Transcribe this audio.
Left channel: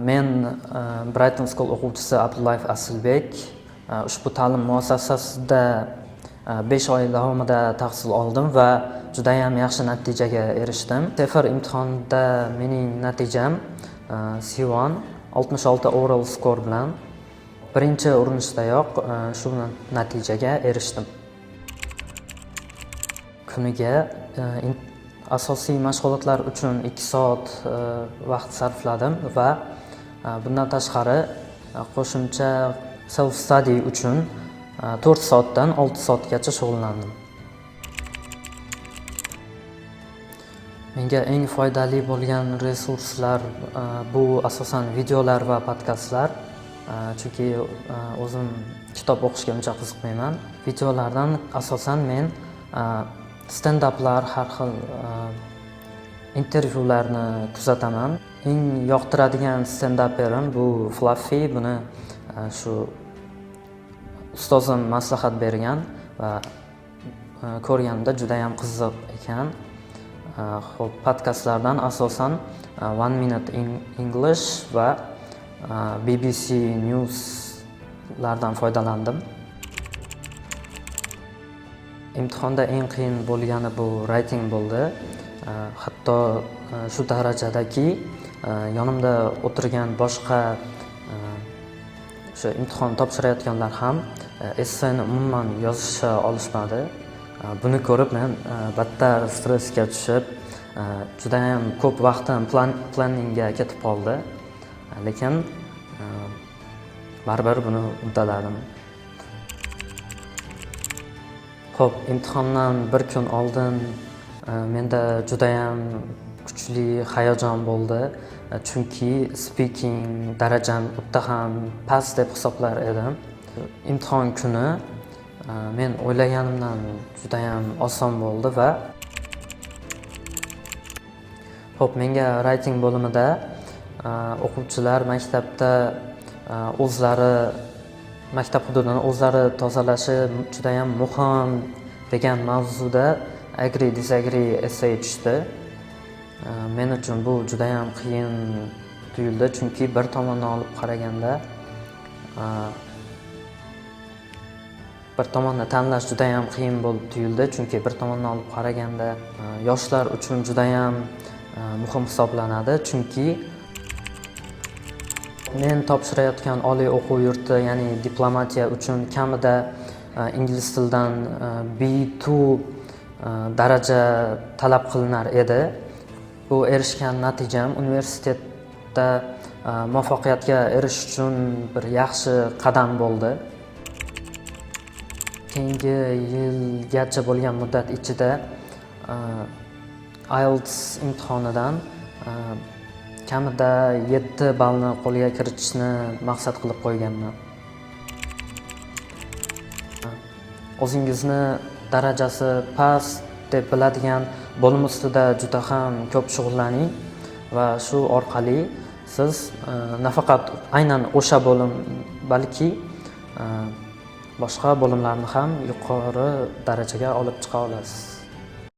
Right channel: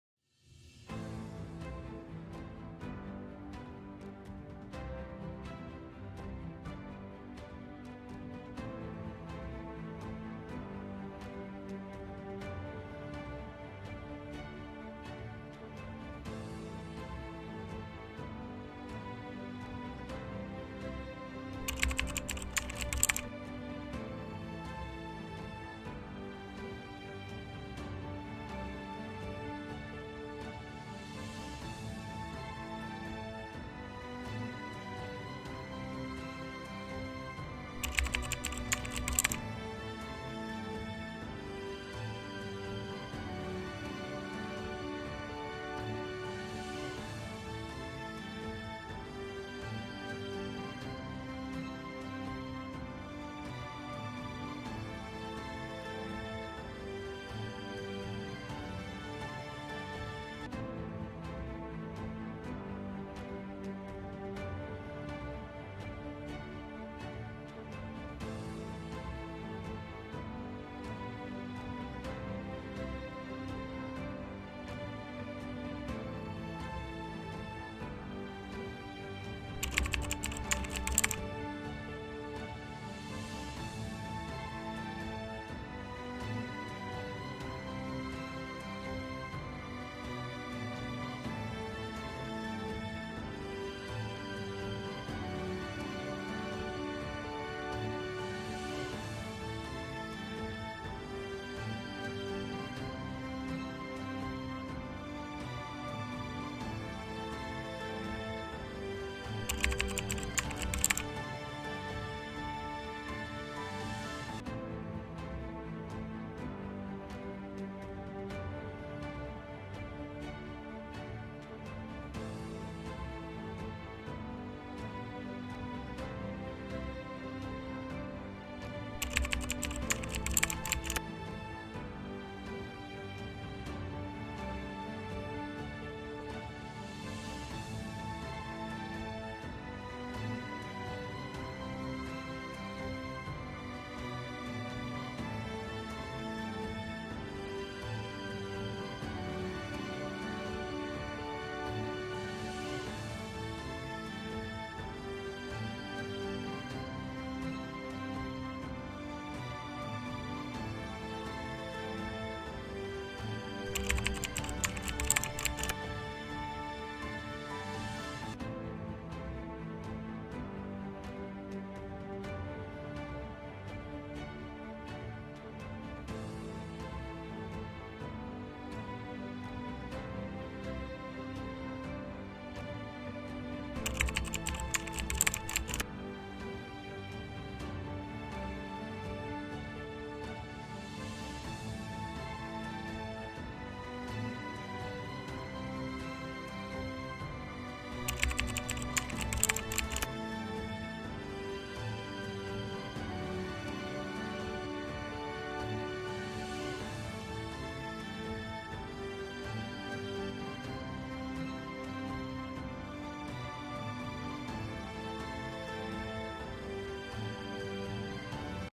Men Brighton School o'quvchisi Abdullayev Asilbek. Ushbu ta'lim muassasasida 5 oy davomida tahsil oldim va juda ham yaxshi natijaga erishdim. TOEFL imtihonida mening natijam C1 66 overall skor bilan birinchi urinishdayoq shu natijaga erishdim. Kuniga asosiy mashg'ulotlar uchun 2 soat vaqt sarfladim va bundan tashqari qo'shimcha self study uchun 4 soatdan 6 soatgacha shug'ullandim. Menga eng foydali bo'lgan resurslar bu asosan videolar va podkastlar. Chunki o'zim kitob o'qishga uncha qiziqmayman. Videolardan asosan men stand-uplar, har xil intervyularni kuzataman. Eng yoqtiradigan stand-uperim bu Fluffy. Buni shu ustozim maslahat bergan va ko'rganimda juda ham qiziq ekan. Xo'p, podkastlardan asosan 1 Minute English va BBC Newslardan foydalandim. Imtihonda eng qiyin bo'lgani bu writing bo'ldi. Hatto shu darajadaki yonimda o'tirgan boshqa o'sha imtihon topshirayotganlar ham esseni umuman yozisha olishmadi. Buni ko'rib men battar stressga tushib, juda ham ko'p vaqtim planningga ketib qoldi. Lekin baribir buni uddaladim. Xo'p, imtihondan bir kun oldin menda juda ham kuchli hayajon bo'ldi. Chunki speaking darajam o'ta ham past deb hisoblar edim. Imtihon kuni men o'ylaganimdan juda ham oson bo'ldi va xo'p, menga writing bo'limida o'quvchilar maktabda maktab hududini o'zlari tozalashi juda ham muhim degan mavzuda agree disagree essay tushdi. Men uchun bu juda ham qiyin tuyuldi, chunki bir tomondan olib qaraganda bir tomonni tanlash juda ham qiyin bo'lib tuyuldi, chunki bir tomondan olib qaraganda yoshlar uchun juda ham muhim hisoblanadi, chunki men topshirayotgan oliy o'quv yurti, ya'ni diplomatiya uchun kamida ingliz tilidan B2 daraja talab qilinar edi. Bu erishgan natijam universitetda muvaffaqiyatga erishish uchun bir yaxshi qadam bo'ldi. Keyingi yilgacha bo'lgan muddat ichida IELTS imtihonidan kamida 7 ballni qo'lga kiritishni maqsad qilib qo'yganman. O'zingizni darajasi past deb biladigan bo'lim ustida juda ham ko'p shug'ullaning va shu orqali siz nafaqat aynan o'sha bo'lim, balki boshqa bo'limlarni ham yuqori darajaga olib chiqa olasiz.